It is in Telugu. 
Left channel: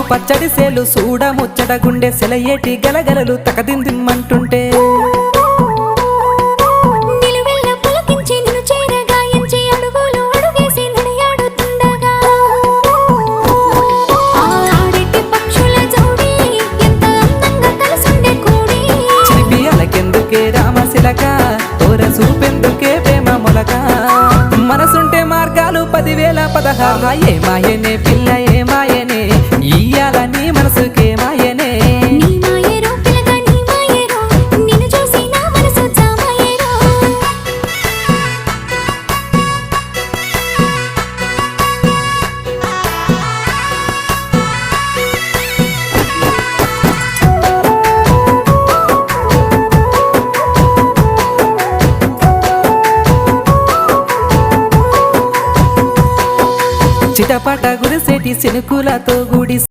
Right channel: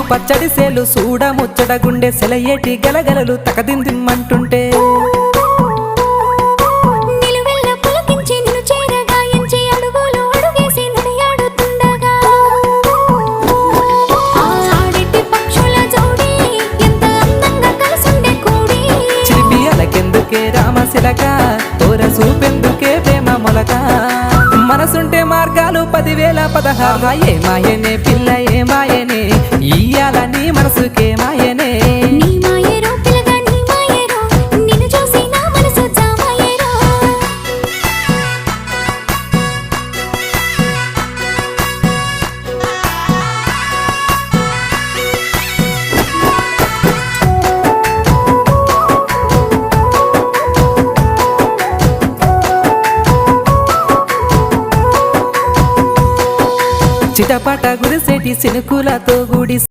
పచ్చడి సేలు సూడ ముచ్చట గుండె సెలయేటి గలగలలు తకదిందిమ్మంటుంటే నిలువెల్ల పులకించి నిన్ను చేరగాయించి అడుగులు అడుగేసి నడియాడుతుండగా ఆడేటి పక్షుల జోడి ఎంత అందంగా కలుసుండే కూడి చిలిపి అలకెందుకే రామశిలక తోర సూపెందుకే ప్రేమ మొలక మనసుంటే మార్గాలు 10,016 ఏ మాయనే పిల్ల ఏ మాయనే ఇయ్యాల నీ మనసుకే మాయనే నీ మాయేరో పిల్లగా నీ మాయేరో నిన్ను చూసి నా మనసు జామాయేరో చిటపట గురిసేటి సినుకులతో గుడి